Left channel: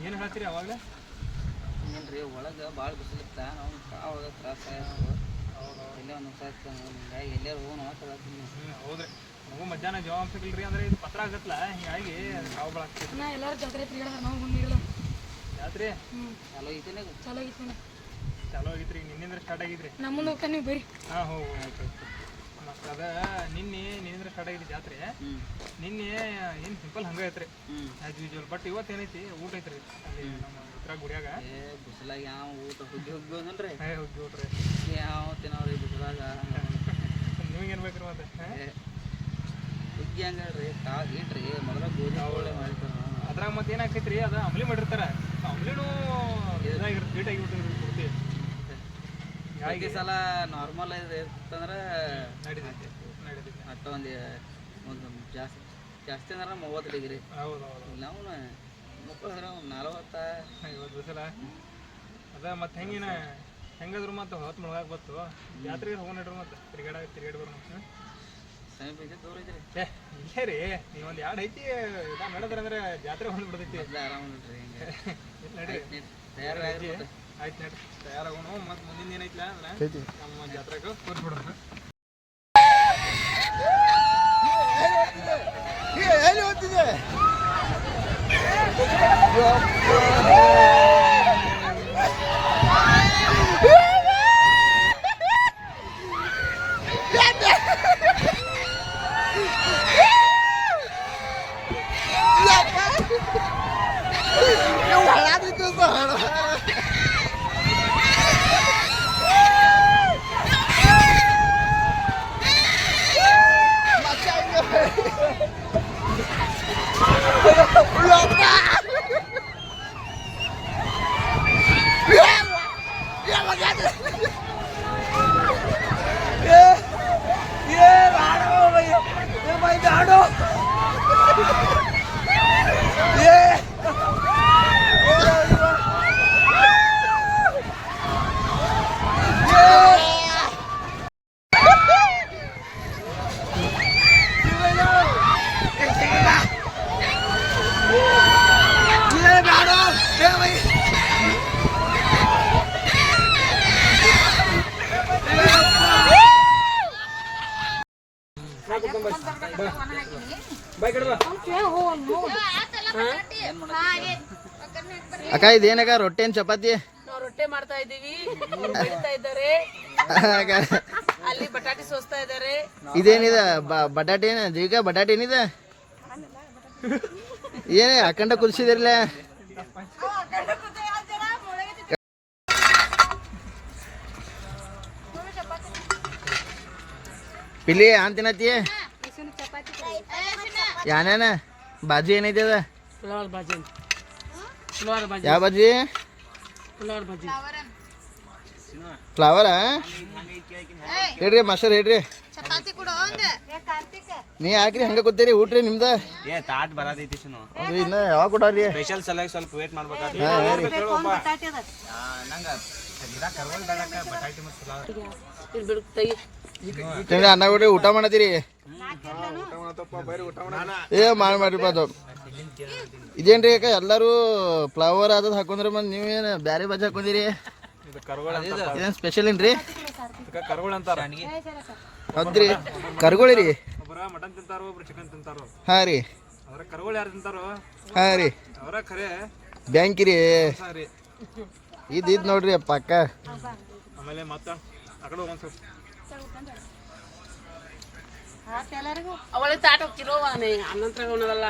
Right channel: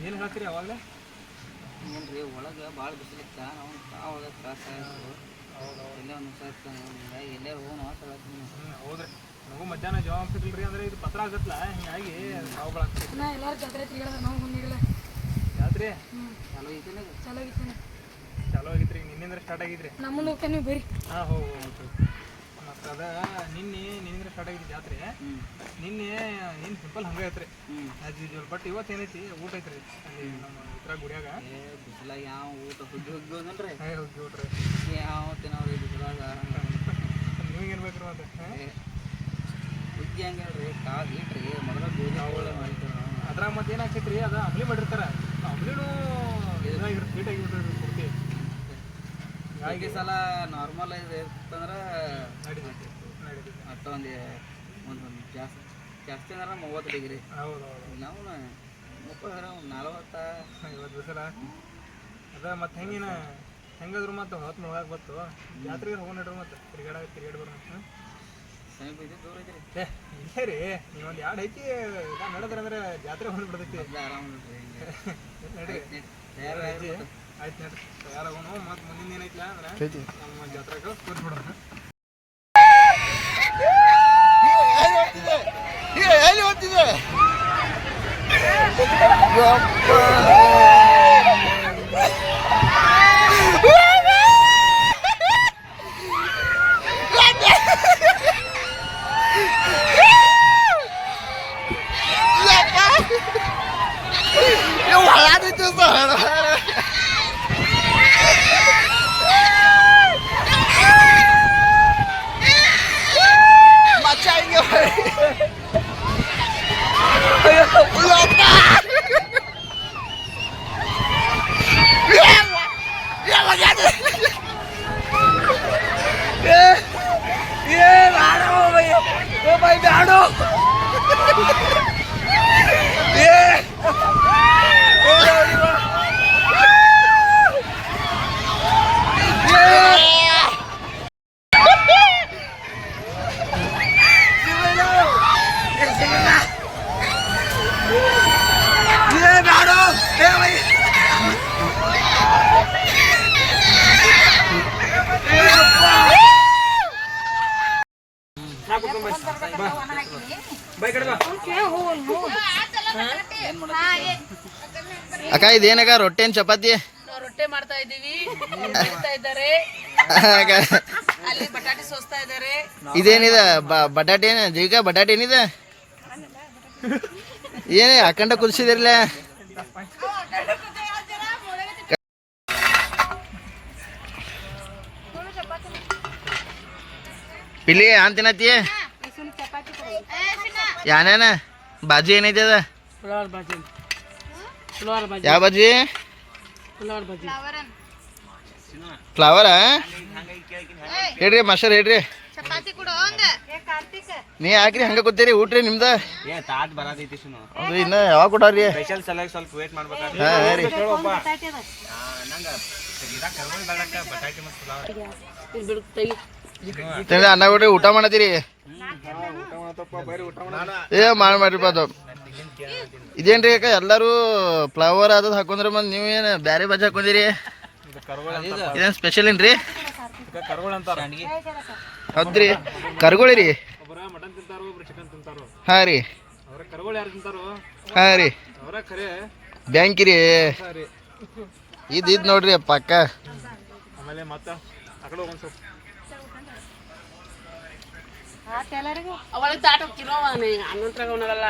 ಏನು ಹೇಳ್ತೀರಿ ಅವಾಗ ಏನ್ರಿ ಒಳಗೆ ಭಾಳ ಬಿಸಿಲಿತ್ತ ನಾವು ಕಾವಾಗ ತ್ರಾಸ ಆಯ್ತು ಎಲ್ಲೇ ಒಂದು ಸಾಯ್ತು ಹಿಂಗಾಗಿ ಎಲ್ಲಾರು ಹೋಗೋಣ ಅಂತ ಹೇಳ್ತೀನಿ ಹ್ಞೂ ಹೌದ್ರಿ. ನಮಗೂ ಮಧ್ಯಾಹ್ನ ಜವಾಬ್ ಸಿಗಲ್ರಿ ಅಂದ್ರೆ ಇದು ಪತ್ರ ಆಗತ್ತಲ್ಲ ಹಿಂಗಾಗಿ ನಾವು ಆಗ್ತದೆ ನಾ ಎಲ್ಲಾರು ಜಾತ್ರೆ ತಿರ್ಗಾಡ ನಾವು ಬಂದಿಲ್ಲ ಜಾತ್ರೆ? ಹ್ಞೂ ಚಲೋ ಐತೇನೆ ಚಲೋ ಆಗಿತ್ತು ರೀ ಆಗಿತ್ರಿ ನಿನ್ನಿಂದ ಸ್ಟಾರ್ಟ್ ಆಗಿದ್ರಿ. ನಮ್ಮ ಹೋಗ್ತಾನೆ ಬರ್ರಿ ಹಾಂ ಹೋ ಆಯ್ತು ಮತ್ತು ಅದ ನಿನ್ನೆ ನಿನ್ನಿಂದ ಸ್ಟಾರ್ಟ್ ಆಗಿದ್ದು ಜಾತ್ರೆ ನಿನ್ನೆ ಏನು ಸಿಂಪಲ್ ಹಂಗ ಐತ್ರಿ ಆಸ್ ಯೂಶುವಲ್ ಬಟ್ ಇವತ್ತು ಏನೈತಿ? ಊಟ ಐತ್ರಿ ಅಲ್ಲಿ ನಮ್ಮ ಉತ್ತರ ಗುಡಿಯಾಗ. ಏ ಬಿಸಿಲಾಗ ಯಾವ ಊಟ ಹುಗ್ಗಿ ಹುಗ್ಗಿ ಹೋದನ್ರಿ ಹೇ ಹೋಗಿ ಊಟ್ರಿ ಯಾವ ತಿನ್ನವ್ರಿ ಬಿಸಿಲಾಗ? ನಿಮಗೇನು ಬೇಕ್ರಿ ಮತ್ತೆ ಹುಗ್ಗಿ ಹಂಗ ಹೇಳ್ರಿ ಕಾಳು ಇಟ್ರಿ ಮೊದಲ ಗೋಧಿ ಅವಳೆ ಮಾಡಿರ್ತಾರ ಅದ್ರಾಗ ಮತ್ತೆ ಏನಾಗ್ತೈತ್ರಿ ಅದು ಅಂಬ್ಲಿ ಮಾಡಿರ್ತಾರ. ಅಂಬ್ಲಿನೂ ಇದಾಗಿರುತ್ತೆ ಆಗಿಬಿಟ್ಟಿರಿ ಸಲ ನಾರ್ಮಲ್ ಇತ್ತಂದ್ರೆ ನಡೀತೈತಿ ಅಟ್ಟ ಒಂದು ಒಂದು ಜಾಸ್ತಿ ಜಾಸ್ತಿ ಅಂದ್ರೆ ಮೂವತ್ತು ಡಿಗ್ರಿ ನಾವು ಮುಪ್ಪತ್ತು ಅಂದ್ರೆ ಒಂದು ನಲವತ್ತ. ಐವತ್ತು ಬಿಸಿಲ. ಅದ ಮತ್ತೆ ಹೆಂಗಿನ ಹೆಂಗಾದ್ರು ಮತ್ತೆ ಹೊತ್ತು ಮುಳುಗಾಕ್ ಬತ್ತು. ಜಾತ್ರೆಗೆ ಹೋಗೋಣ ನೋಡ್ರಿ ಮತ್ತೆ ತಿರ್ಗಾಡ ತಿರ್ಗಾಡಿ ಬರೋಣ? ಸಮೀಪ ಐತಿ ದೂರ ಐತ್ರಿ ಏ ಇಲ್ಲೇ ರೀ ನೀವೊಂದು ಎರಡು ಐತಿ ನಡೆದ್ರೆ ಅಂದ್ರೆ ಜಾತ್ರೆ ಹೋಗ್ಬಿಡ್ತೈತಿ ಆರಾಮ್ ನೋಡ್ರಿ ಹಿಂಗೆ. ನಡ್ರಿ. ಆಯ್ತು ನಡ್ರಿ ತಯಾರಾಗೋಣ ಮತ್ತೆ ಮುಂದಿನ ಏನೈತಿಲ್ಲ ಅಂದ್ರೆ ನಮ್ಮ ಜಾತ್ರೆಗೆ ಕೂರ್ಸ್ಬಿಡೋಣ ಎಲ್ಲಿ ಹೋಗ್ತಿದೆ ಒಳಗಾದಿತ್ತು ಸರ್ ಮಚ್ಚ ಅಕ್ಕ ಇದೇನಕ್ಕ ರೊಟ್ಟಿ ಏನ್ ಚಪಾತಿ? ರೊಟ್ಟೆ ಮಾಡ್ತಾ ಇದ್ದೀವಿ. ಬೆಳಿತಾ ಇದ್ದಾರೆ. ಅಲ್ಲಿ ಬಟಾಟೆ ಸೋಸ್ತಾ ಇದ್ದಾರೆ. ಇದೇನಿದೆ ಬ- ಬಟಾಟೆ ಏನ ಜೀವಿಕ ಬಟಾಟೆ ಏನಿದೆ ಏನೇ ಅಖಂಡ ಕುದಿಸಿದಿರಲ್ಲ ಪಿಲಿ ಏನ್ ತಿನ್ನತಿ ಯಾನೇನ? ಬಾಜಿ ಏನೈತಿ ಅದ? ಯಾವ ಬಾಜಿ? ಫ್ಲವರ್? ಬಾಜಿ ಫ್ಲವರಾ ಹೇಳ್ರಿ ಮಾಸ್ಟರ್ ಹೇಳ್ರಿ ನೀ ಯಾಕ್ರಿ ಹಂಗ ಕೂತೀರಿ ಊಟ್ರಿ ನಿಮ್ದ? ಏ ತಾಟ್ ಅದು ಇನ್ನ ಯಾವಾಗ ಕೊಡಾರಿ ಸ್ಪೆಷಲ್ ಸಲಾಗಿ ಸ್ವಲ್ಪ ವೇಟ್ ಮಾಡ್ಬೇಕಾದ್ರೆ. ಹಾ ಹಾ ರೀ. ಅನ್ನ ಕೊಡ್ರಿ ಊಟ ಮಾಡತ್ತೀರಿ ಏ ಮಾಡಿ ಮಾಡ್ರಿಪ್ಪ ಅದು. ಇದೇನ್ರಿ ಅಕ್ಕ ಎಲ್ಲರೂ ಫ್ಲವರ್ ಅದ್ ಹಾಕೊಂಡ್ರೆ ಮತ್ತೆ ನೀವು ಏನು ಬ್ಯಾರೆ ಬಜೆ ಹಾಕೊಂಡಿರಿ? ಇದು ಕರ್ಗೋಳ ಅಂತ ಇದೇನು ಸ್ಪೆಷಲ್ ಏನ್ರಿ? ಕರ್ಗೋಳ ಅಂತಾರ. ಹೌದ್ರಿ. ಕರ್ಗೋಳಿ ರೀ ಒಬ್ಬರ ಮಟನ್ ತಿಂತಾರೋ ಒಬ್ರು ಚಿಕನ್ ತಿಂತಾರೋ? ಹಾಂ ರೀ. ಅವ್ರ ಕರ್ಗೋಳ ಯಾರು ತಿಂತಾರೋ? ಹಾಂ ರೀ. ಅವರ ಖರೆ ಬ್ಯಾಂಕಿ ರೀ. ಸರಿ ಇದು ಇದು ನೋಡ್ರಿ ಪಕ್ಕ ಆಮೇಲೆ ಮತ್ತೆ ಆ ಕಡೆ ಹೋಗೋಣ ಸ್ವಲ್ಪ ಅವಾಗ ತಾಟ ಕಿಲೋ ಅನ್ನ ತಗೊಂಡಲ್ಲ